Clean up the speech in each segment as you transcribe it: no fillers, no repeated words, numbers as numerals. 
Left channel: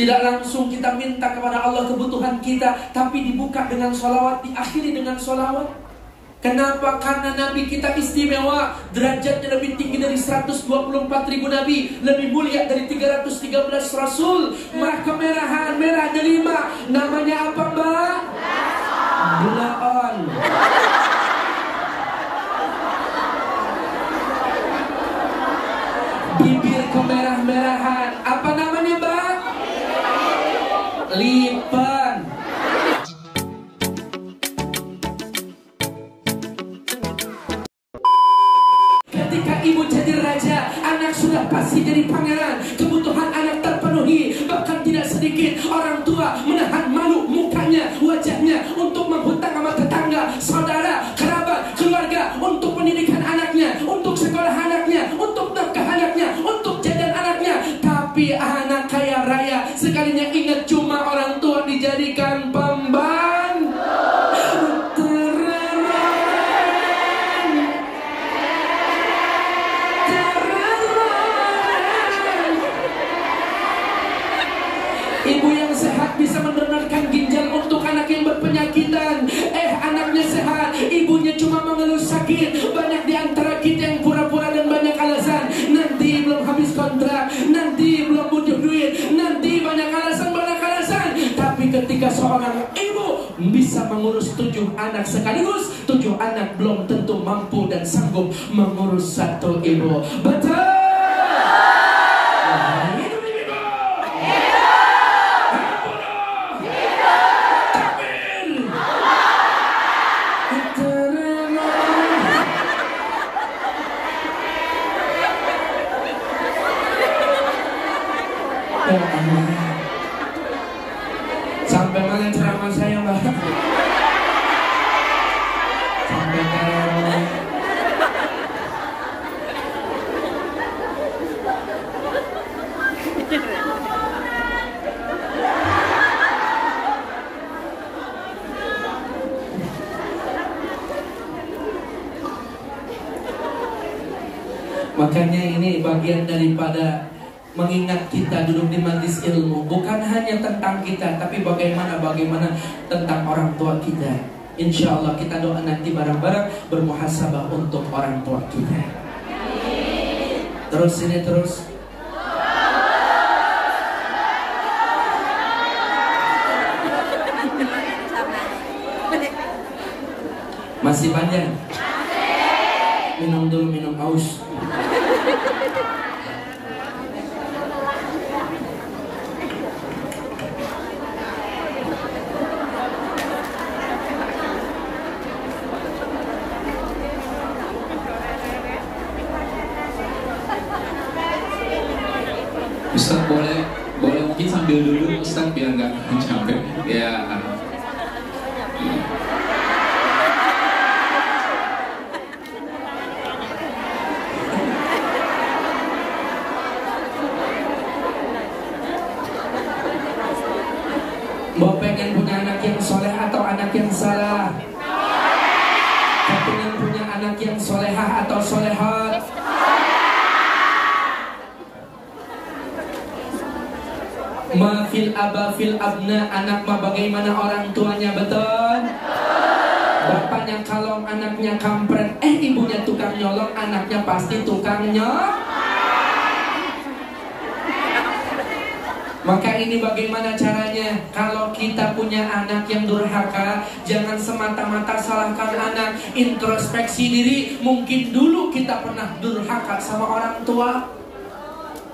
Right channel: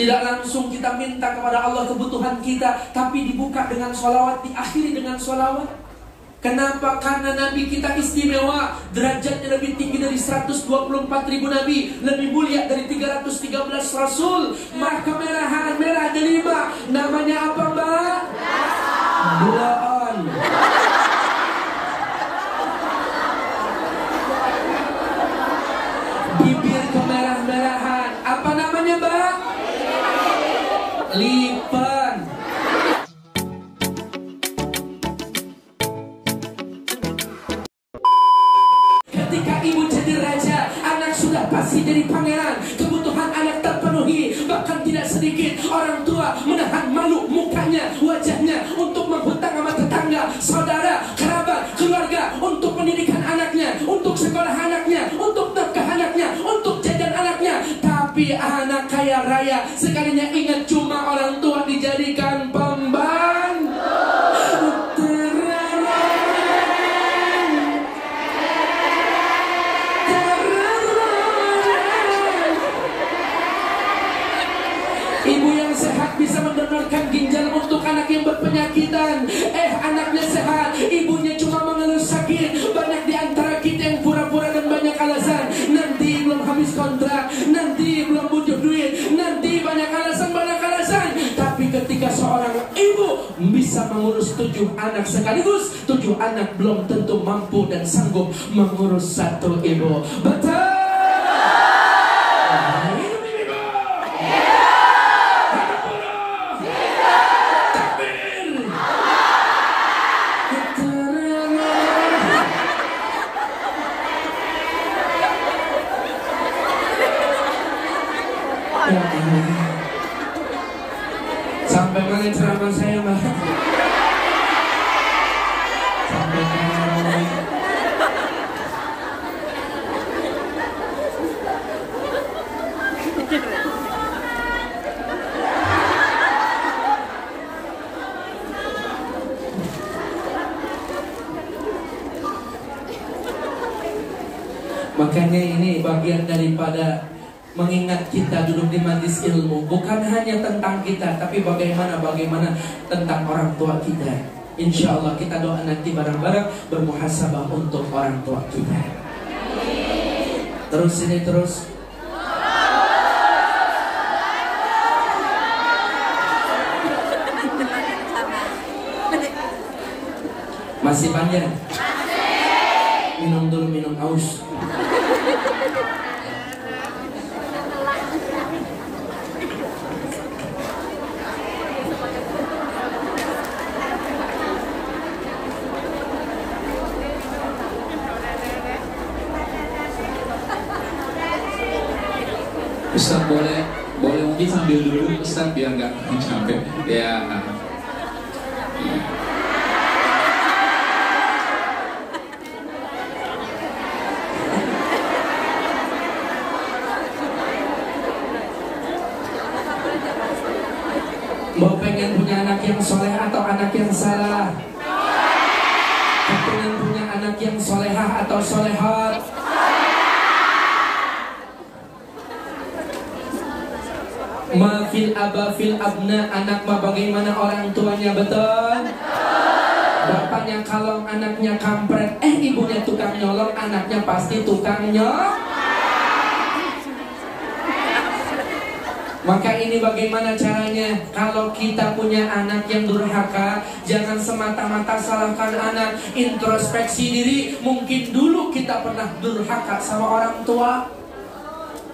Tidak langsung kita minta kepada Allah kebutuhan kita, tapi dibuka dengan sholawat, diakhiri dengan sholawat. Kenapa? Karena Nabi kita istimewa, derajatnya lebih tinggi dari 124.000 Nabi, lebih mulia dari 313 Rasul. Maka merah delima, namanya apa mbak? Bulaan. Bibir kemerah-merahan, apa namanya mbak? Lipan. Ketika ibu jadi raja, anak sudah pasti jadi pangeran. Kebutuhan anak terpenuhi, bahkan tidak sedikit orang tua menahan malu mukanya, wajahnya untuk menghutang sama tetangga, saudara, kerabat, keluarga, untuk pendidikan anaknya, untuk sekolah anaknya, untuk nafkah anaknya, untuk jajan anaknya. Tapi anak kaya raya sekalinya ingat cuma orang tua dijadikan pembantu. Ibu yang sehat bisa mendonorkan ginjal untuk anak yang berpenyakitan. Anaknya sehat, ibunya cuma mengeluh sakit. Banyak di antara kita yang pura-pura dan banyak alasan. Nanti belum habis kontrak, nanti belum butuh duit, nanti banyak alasan. Tapi ketika seorang ibu bisa mengurus 7 anak sekaligus, 7 anak belum tentu mampu dan sanggup mengurus 1 ibu. Betul? Sampai mana ceramah saya mbak? Sampai mana? Makanya ini bagian daripada mengingat kita duduk di majlis ilmu, bukan hanya tentang kita, tapi bagaimana tentang orang tua kita. Insya Allah kita doa nanti bareng-bareng bermuhasabah untuk orang tua kita. Terus ini terus. Masih panjang? Minum dulu, minum haus. Ustaz boleh mungkin sambil dulu Ustaz biar nggak capek ya. Mau pengen punya anak yang soleh atau anak yang salah? Pengen punya anak yang solehah atau solehat? Mafil aba fil abna, anak mah bagaimana orang tuanya, betul? Bapaknya kalong, anaknya kampret. Ibunya tukang nyolong, anaknya pasti tukang nyolong. Maka ini bagaimana caranya? Kalau kita punya anak yang durhaka, jangan semata-mata salahkan anak. Introspeksi diri, mungkin dulu kita pernah durhaka sama orang tua.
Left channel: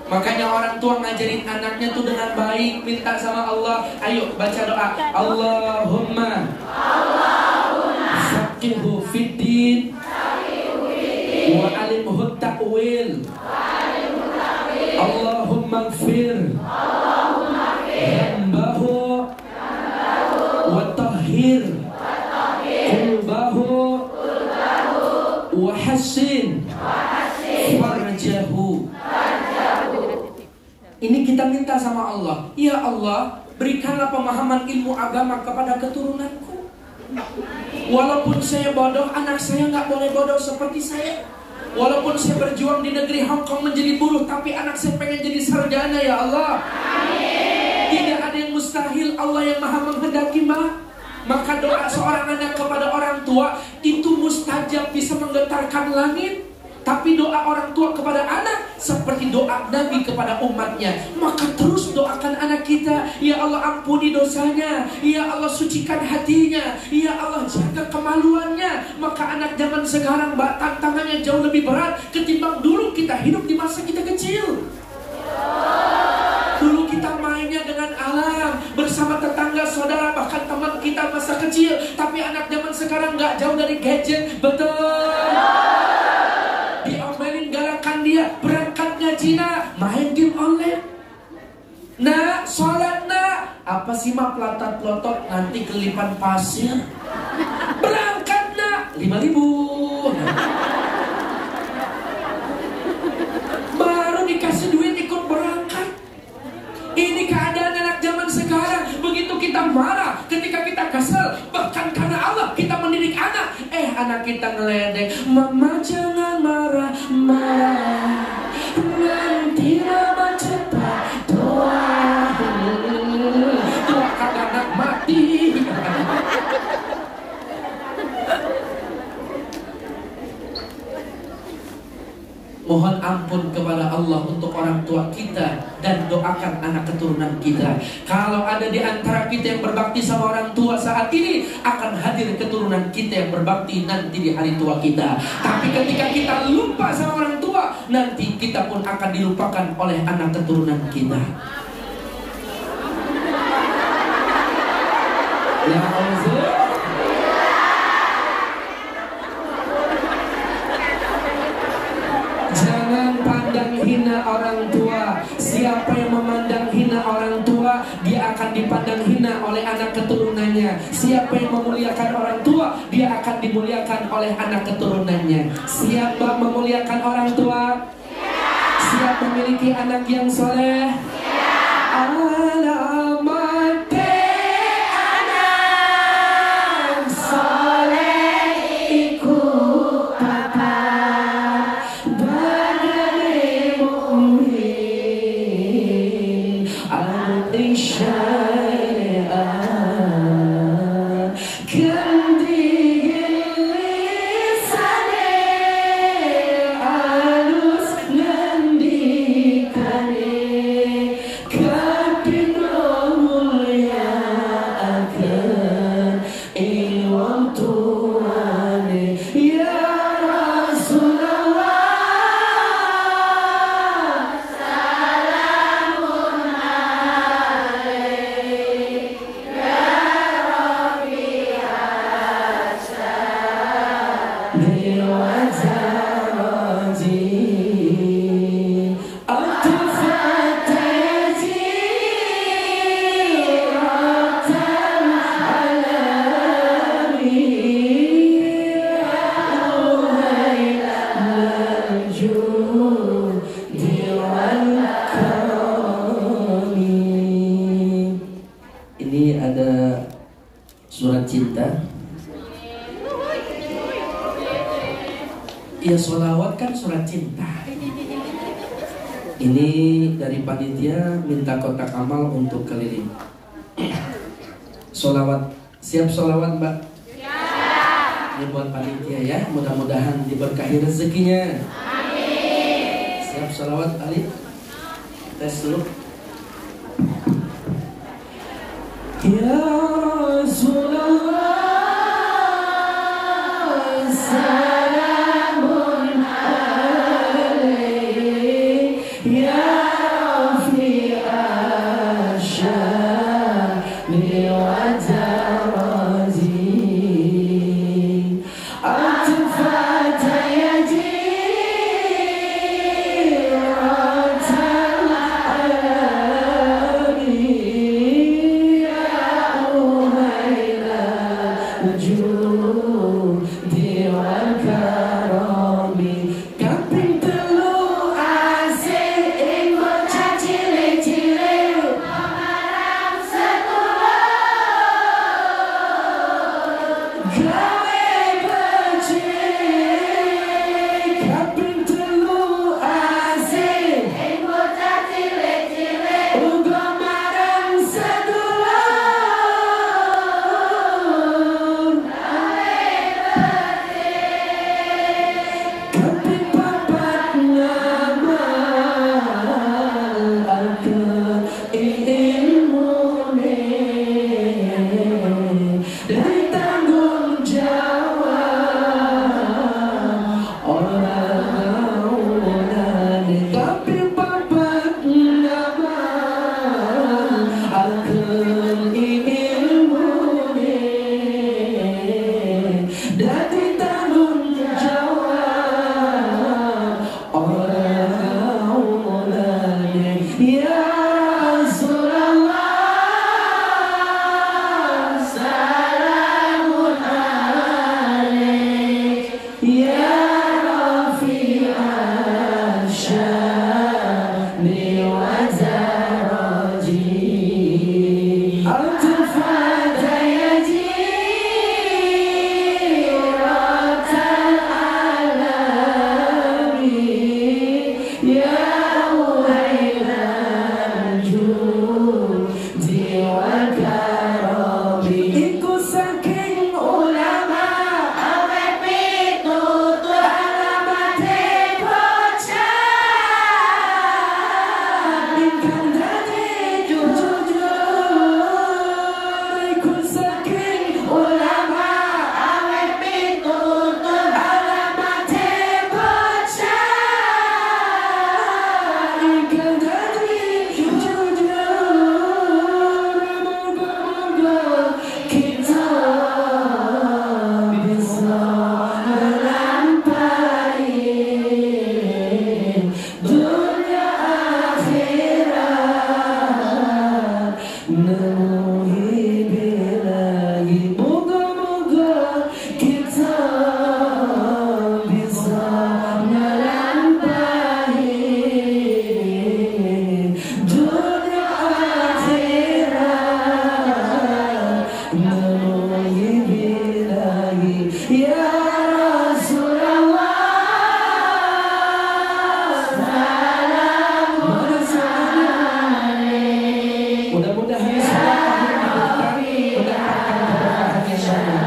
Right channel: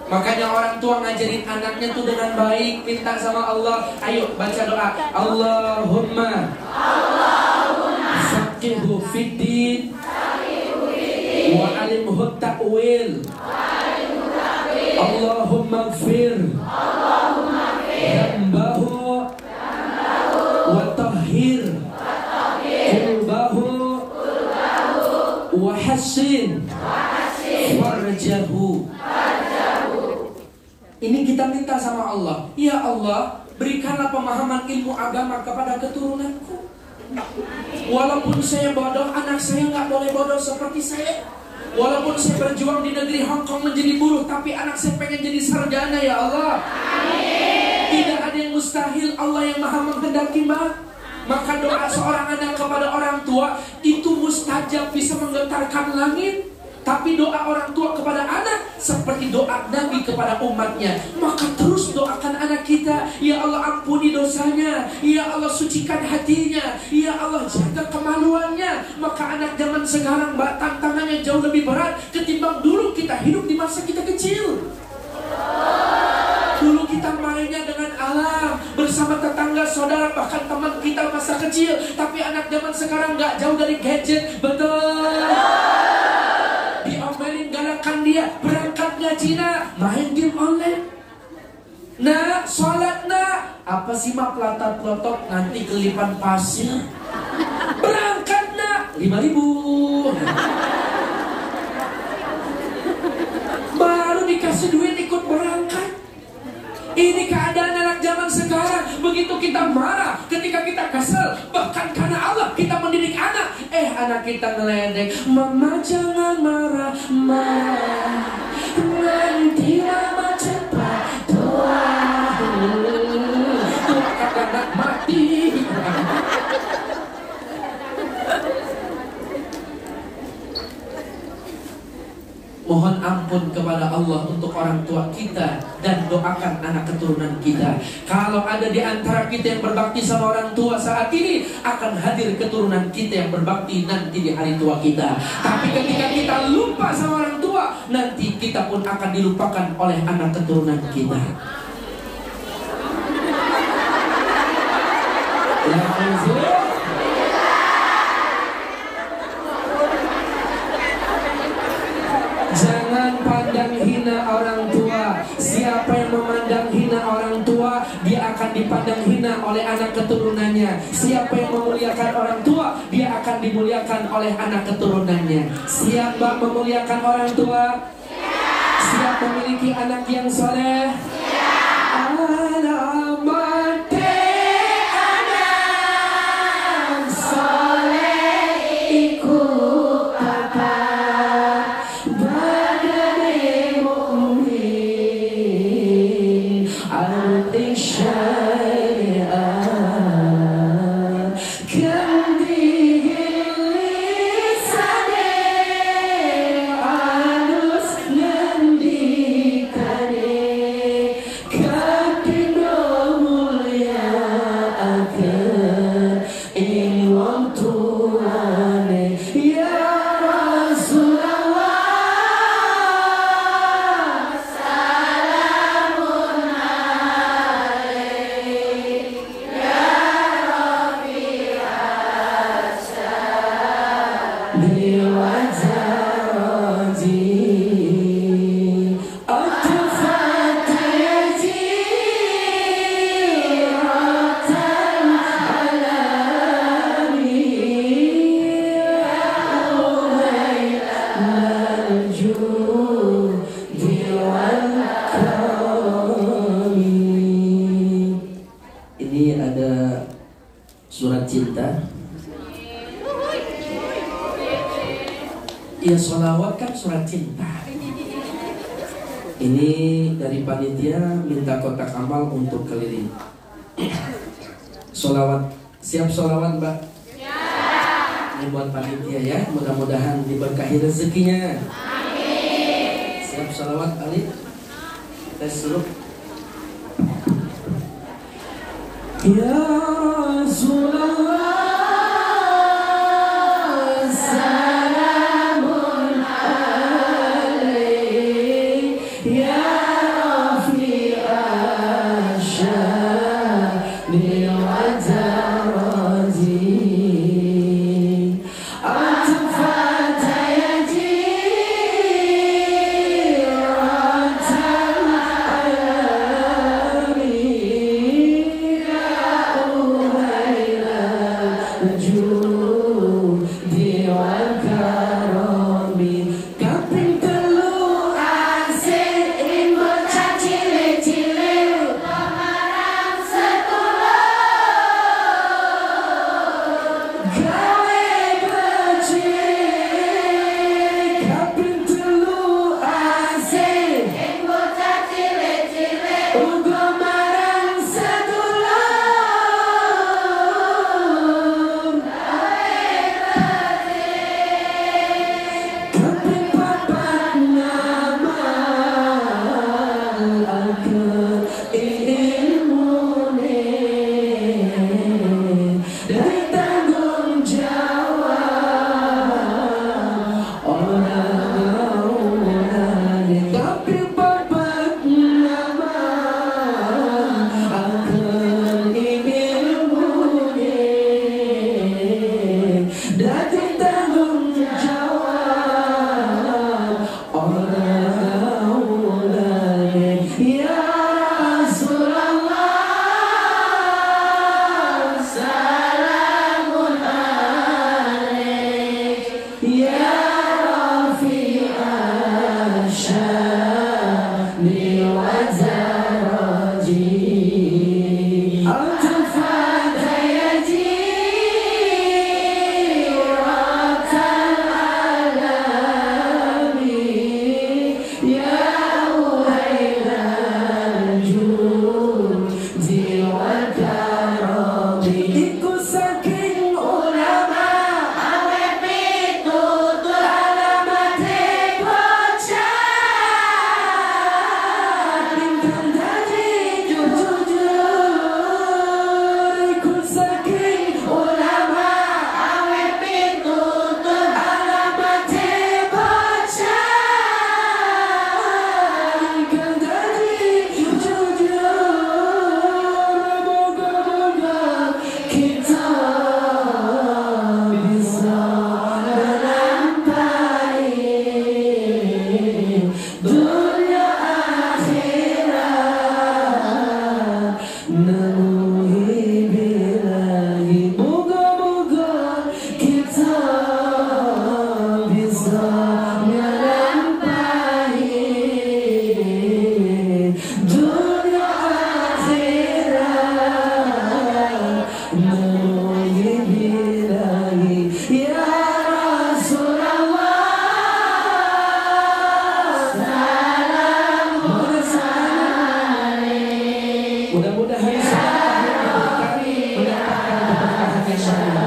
Makanya orang tua ngajarin anaknya tuh dengan baik, minta sama Allah. Ayo baca doa. Allahumma faqihhu fiddin wa alimhu ta'wil. Allahumma ighfir dhanbahu wa tahhir qulbahu wa hassin farjahu. Ini kita minta sama Allah. Ya Allah, berikanlah pemahaman ilmu agama kepada keturunanku. Walaupun saya bodoh, anak saya nggak boleh bodoh seperti saya. Walaupun saya berjuang di negeri Hong Kong menjadi buruh, tapi anak saya pengen jadi sarjana ya Allah. Amin. Allah yang maha menghendaki maka doa seorang anak kepada orang tua itu mustajab, bisa menggetarkan langit. Tapi doa orang tua kepada anak seperti doa Nabi kepada umatnya. Maka terus doakan anak kita, ya Allah ampuni dosanya, ya Allah sucikan hatinya, ya Allah jaga kemaluannya. Maka anak zaman sekarang tantangannya jauh lebih berat ketimbang dulu kita hidup di masa kita kecil. Dulu kita mainnya dengan alam, bersama tetangga, saudara, bahkan teman kita masa kecil. Tapi anak zaman sekarang gak jauh dari gadget. Betul. Diomelin, galakkan dia, berangkat ngaji nak, main game online. Nak, sholat nak. Apa sih mak pelotot-pelotot, nanti kelipan pasir. Berangkat nak, 5.000. Baru dikasih duit ikut berangkat. Ini keadaan anak zaman sekarang. Begitu kita marah, ketika kita kesal, bahkan karena Allah kita mendidik anak. Anak kita ngeledek, mama jangan marah, marah, nanti lama cepat tua. Tua kagak nak mati. Mohon ampun kepada Allah untuk orang tua kita dan doakan anak keturunan kita. Kalau ada di antara kita yang berbakti sama orang tua saat ini, akan hadir keturunan kita yang berbakti nanti di hari tua kita. Tapi ketika kita lupa sama orang tua, nanti kita pun akan dilupakan oleh anak keturunan kita. Ya Allah. Jangan pandang hina orang tua. Siapa yang memandang hina orang tua, dia akan dipandang hina oleh anak keturunannya. Siapa yang memuliakan orang tua, dia akan dimuliakan oleh anak keturunannya. Siapa memuliakan orang tua? Siap memiliki anak yang soleh? Ini ada surat cinta. Ya, sholawat kan surat cinta. Ini dari panitia minta kotak amal untuk keliling. Sholawat, siap sholawat mbak? Siap. Ini buat panitia ya, mudah-mudahan diberkahi rezekinya. Amin. Siap sholawat Ali? Tes dulu. Ya Rasulullah, salamun alaik, ya Rafi'a sya'ni wa daraji, atfata yaji ratan alami. Mudah-mudahan mendapatkan keberkahan insya Allah.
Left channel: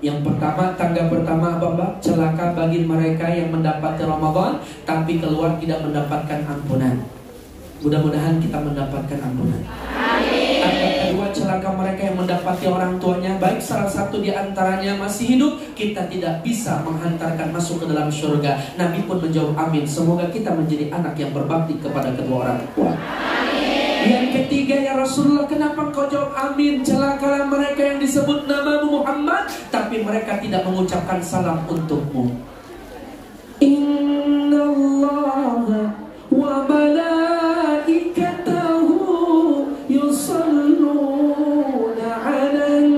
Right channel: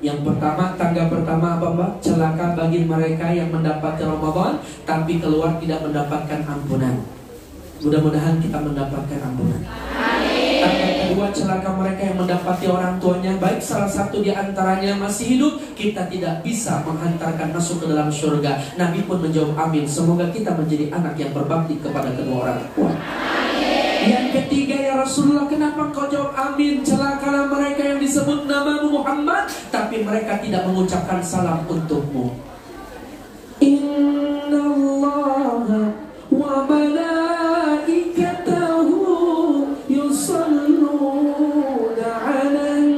Yang pertama, tangga pertama apa Mbak? Celaka bagi mereka yang mendapati Ramadan tapi keluar tidak mendapatkan ampunan. Mudah-mudahan kita mendapatkan ampunan. Tangga kedua, celaka mereka yang mendapati orang tuanya, baik salah satu di antaranya masih hidup, kita tidak bisa menghantarkan masuk ke dalam surga. Nabi pun menjawab amin. Semoga kita menjadi anak yang berbakti kepada kedua orang tua. Yang ketiga, ya Rasulullah, kenapa kau jawab amin? Celakalah mereka yang disebut namamu Muhammad tapi mereka tidak mengucapkan salam untukmu. Inna Allah wa malaikatahu yusalluna 'alan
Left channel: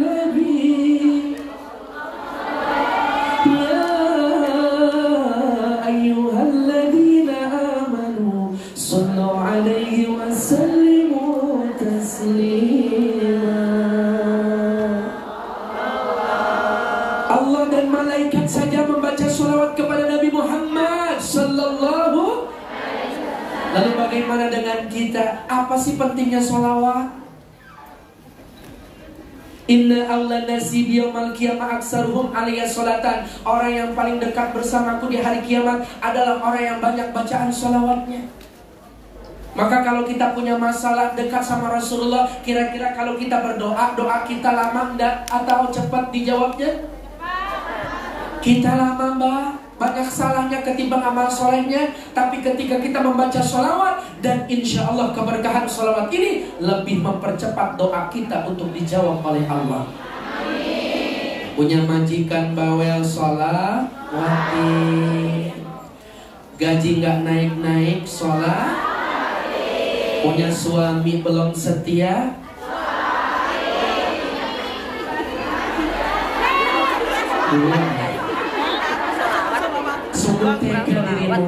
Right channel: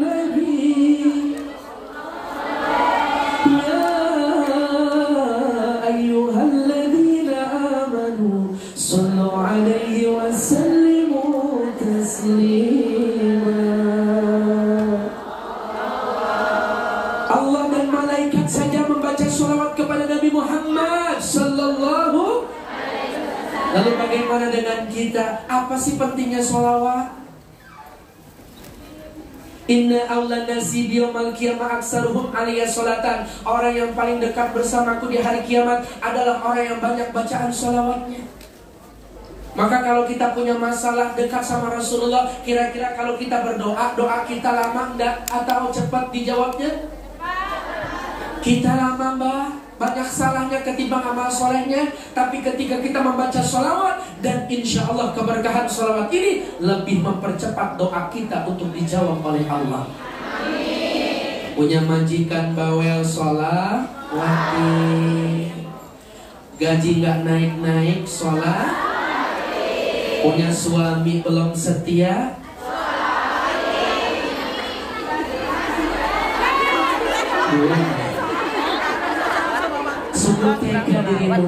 nabi ya ayyuhalladzina amanu sallu 'alaihi wa sallimu taslima. Allah dan malaikat saja membaca sholawat kepada Nabi Muhammad sallallahu. Lalu bagaimana dengan kita? Apa sih pentingnya sholawat? Inna awla nasi biyamal qiyamah aksaruhum alaiya sholatan. Orang yang paling dekat bersamaku di hari kiamat adalah orang yang banyak bacaan sholawatnya. Maka kalau kita punya masalah dekat sama Rasulullah, kira-kira kalau kita berdoa, doa kita lama enggak atau cepat dijawabnya? Kita lama Mbak, banyak salahnya ketimbang amal solehnya. Tapi ketika kita membaca sholawat, dan insya Allah keberkahan sholawat ini lebih mempercepat doa kita untuk dijawab oleh Allah. Amin. Punya majikan bawel sholawati, gaji nggak naik-naik sholat, punya suami belum setia, sungguh tega dirimu.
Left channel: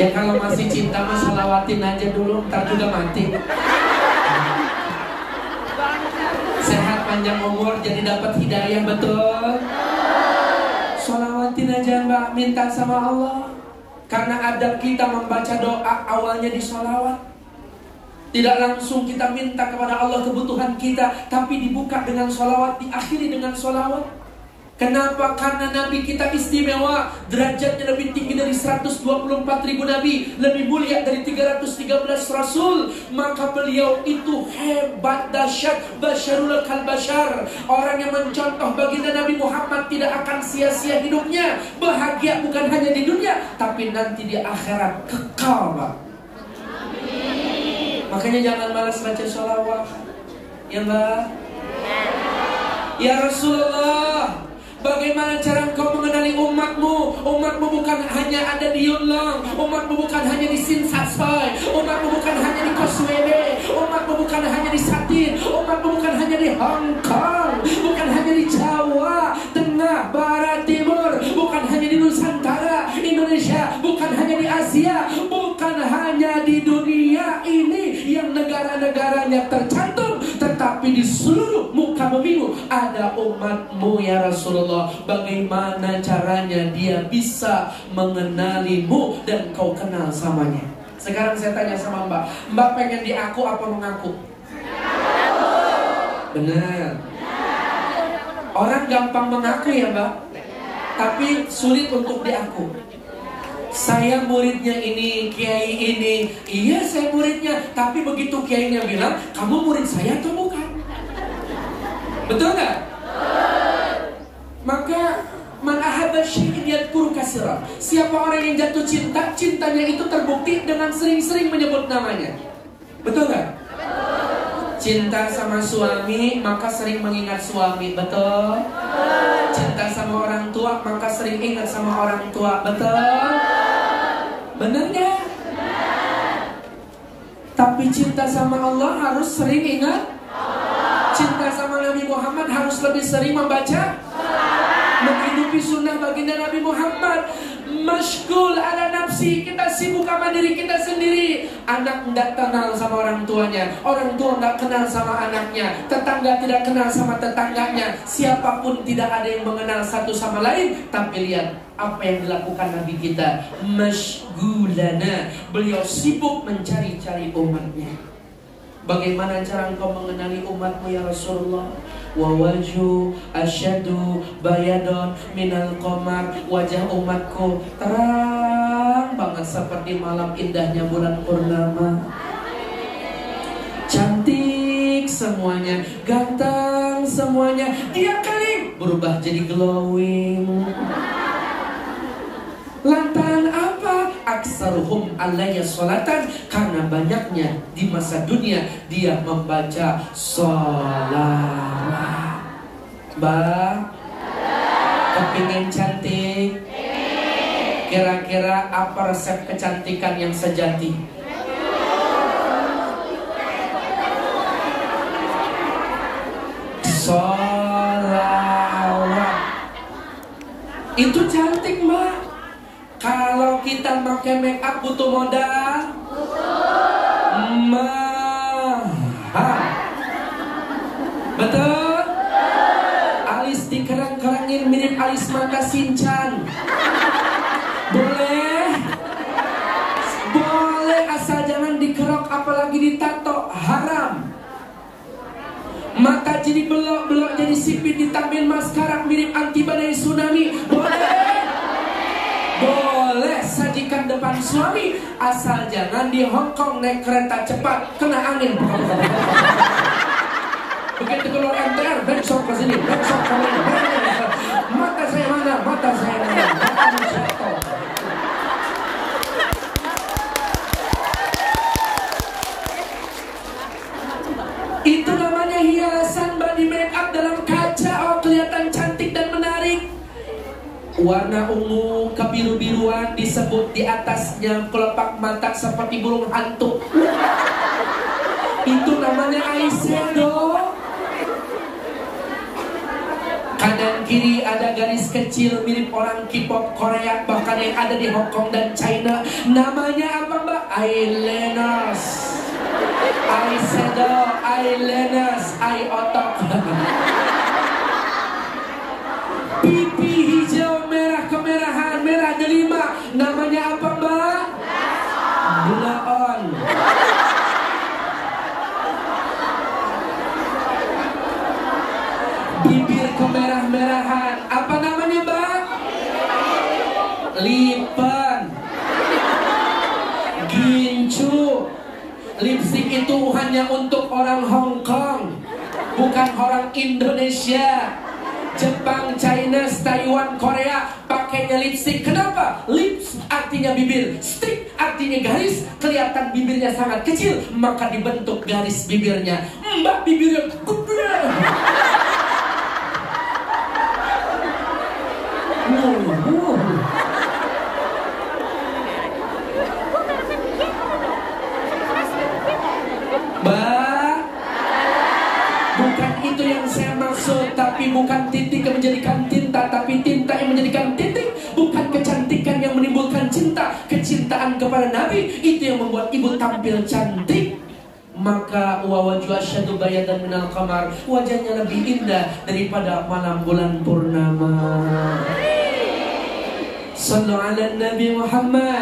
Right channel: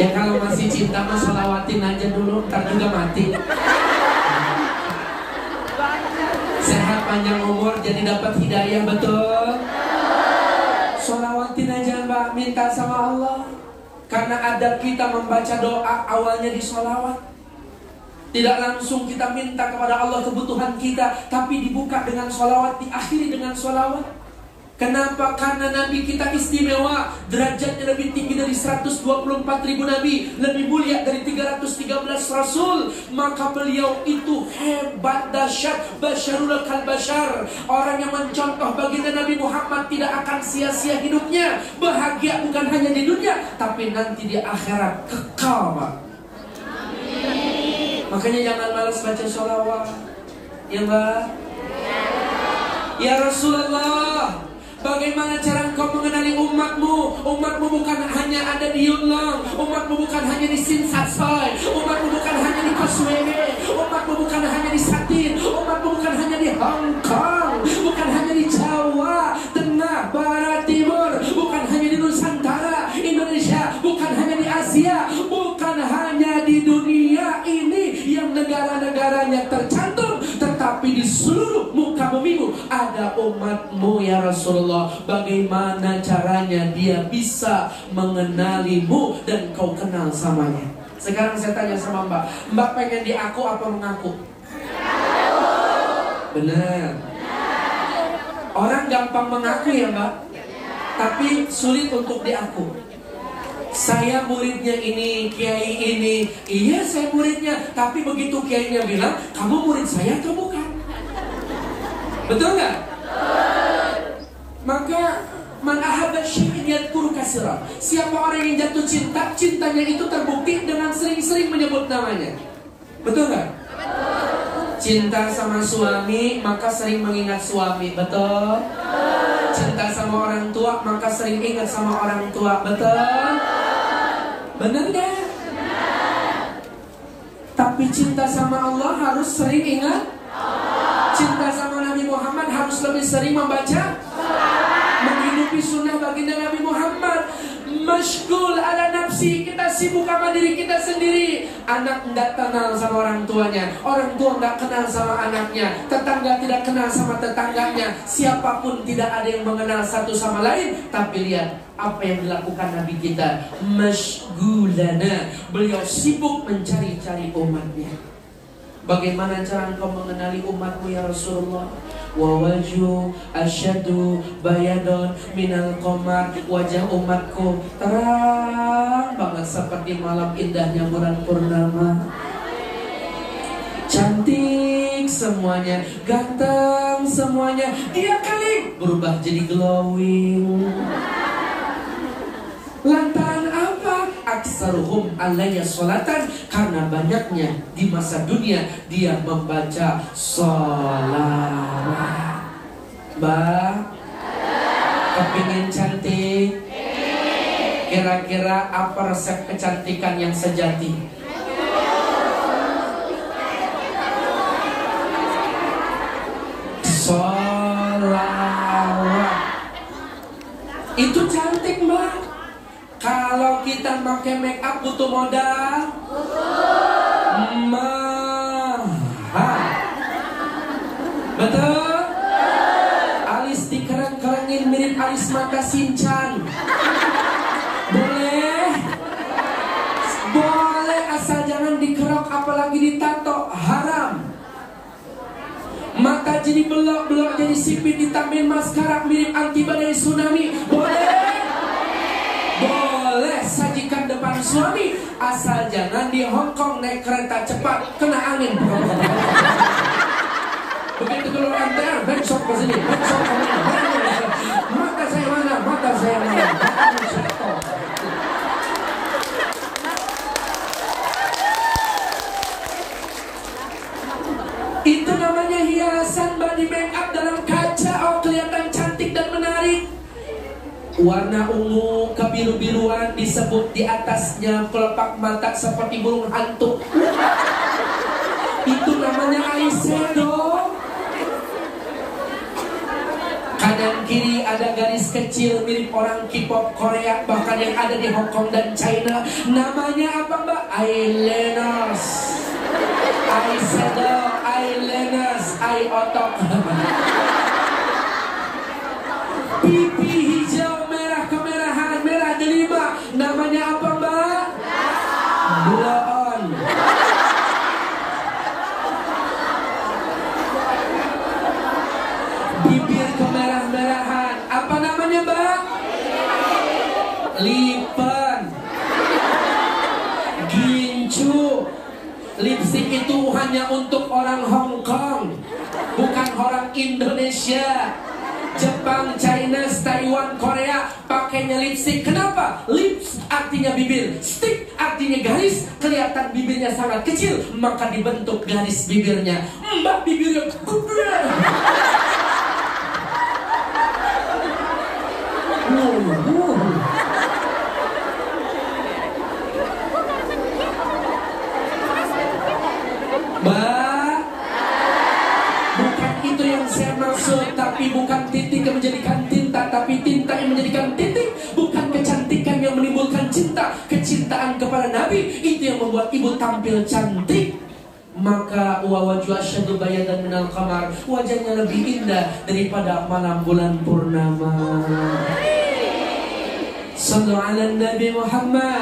Ya kalau masih cinta mah sholawatin aja dulu, ntar juga mati. Sehat panjang umur jadi dapat hidayah, betul. Sholawatin rutin aja Mbak, minta sama Allah. Karena adab kita membaca doa awalnya di sholawat. Tidak langsung kita minta kepada Allah kebutuhan kita, tapi dibuka dengan sholawat, diakhiri dengan sholawat. Kenapa? Karena Nabi kita istimewa, derajatnya lebih tinggi dari 124.000 Nabi, lebih mulia dari 313 Rasul. Maka beliau itu hebat, dahsyat, basyarul kal basyar. Orang yang mencontoh baginda Nabi Muhammad tidak akan sia-sia hidupnya. Bahagia bukan hanya di dunia, tapi nanti di akhirat kekal, Pak. Makanya jangan malas baca sholawat, ya Mbak. Ya Rasulullah, bagaimana cara engkau mengenali umatmu? Umatmu bukan hanya ada di Yunlong, umatmu bukan hanya di Sinsasoy, umatmu bukan hanya di Koswebe, umatmu bukan hanya di Satin, umatmu bukan hanya di Hong Kong, bukan hanya di Jawa, Tengah, Barat, Timur, bukan hanya di Nusantara, Indonesia, bukan hanya di Asia, bukan hanya di dunia ini yang negara-negaranya tercantum, tetapi di seluruh muka bumi ada umatmu ya Rasulullah. Bagaimana caranya dia bisa mengenalimu dan kau kenal samanya? Sekarang saya tanya sama Mbak, Mbak pengen diaku apa mengaku? Benar. Orang gampang mengaku ya Mbak, tapi sulit untuk diaku. Saya muridnya ini, kiai ini. Iya saya muridnya, tapi begitu kiainya bilang, kamu murid saya atau bukan? Betul nggak? Maka man ahabba syai'an yadhkuru katsiran. Siapa orang yang jatuh cinta, cintanya itu terbukti dengan sering-sering menyebut namanya. Betul nggak? Cinta sama suami maka sering mengingat suami. Betul? Cinta sama orang tua maka sering ingat sama orang tua. Betul? Benar nggak? Tapi cinta sama Allah harus sering ingat. Cinta sama Nabi Muhammad harus lebih sering membaca, menghidupi sunnah baginda Nabi Muhammad. Masyghul ala nafsi, kita sibuk sama diri kita sendiri. Anak tidak kenal sama orang tuanya, orang tua tidak kenal sama anaknya, tetangga tidak kenal sama tetangganya. Siapapun tidak ada yang mengenal satu sama lain. Tapi lihat apa yang dilakukan Nabi kita, masyghulana, beliau sibuk mencari-cari umatnya. Bagaimana cara engkau mengenali umatmu ya Rasulullah? Wa wajhu asyadu bayadon minal qamar. Wajah umatku terang banget seperti malam indahnya bulan purnama. Cantik semuanya, ganteng semuanya. Dia kali berubah jadi glowing. Lantaran apa? Aksaruhum alayya sholatan, karena banyaknya di masa dunia dia membaca sholawat. Mbak, kepingin cantik? Kira-kira apa resep kecantikan yang sejati? Sholawat. Itu cantik Mbak. Kalau kita pakai make up butuh modal? Mahal. Betul? Alis dikerang-kerangin mirip alis mata Shinchan. Boleh? Boleh, asal jangan dikerok apalagi ditato. Haram. Mata jadi belok-belok jadi sipit ditambahin maskara mirip anti badai tsunami. Boleh? Boleh, sajikan depan suami, asal jangan di Hongkong naik kereta cepat kena angin. Begitu keluar MTR, backshot ke sini, backshot ke mana? Mata saya mana? Mata saya mana? Itu namanya hiasan body makeup dalam kaca. Oh, kelihatan cantik dan menarik. Warna ungu kebiru-biruan disebut di atasnya kelopak mata seperti burung hantu. Itu namanya eyeshadow. Kanan kiri ada garis kecil mirip orang K-pop Korea, bahkan yang ada di Hong Kong dan China. Namanya apa Mbak? Eyeliners. Eyeshadow, eyeliners, eye otot. Pipi hijau merah kemerah Namanya apa Mbak? Bloon. Bibir kemerah-merahan. Apa namanya Mbak? Lipan. Gincu. Lipstick itu hanya untuk orang Hong Kong, bukan orang Indonesia. Jepang, China, Taiwan, Korea pakainya lipstick. Kenapa? Lips artinya bibir, stick artinya garis. Kelihatan bibirnya sangat kecil, maka dibentuk garis bibirnya. Mbak bibirnya gede. Mbak, bukan itu yang saya maksud. Tapi bukan titik yang menjadikan tinta, tapi tinta yang menjadikan titik. Bukan kecantikan yang menimbulkan cinta, kecintaan kepada Nabi itu yang membuat ibu tampil cantik. Maka wawaju asyadu bayadan minal qamar, wajahnya lebih indah daripada malam bulan purnama. Sallu ala Nabi Muhammad.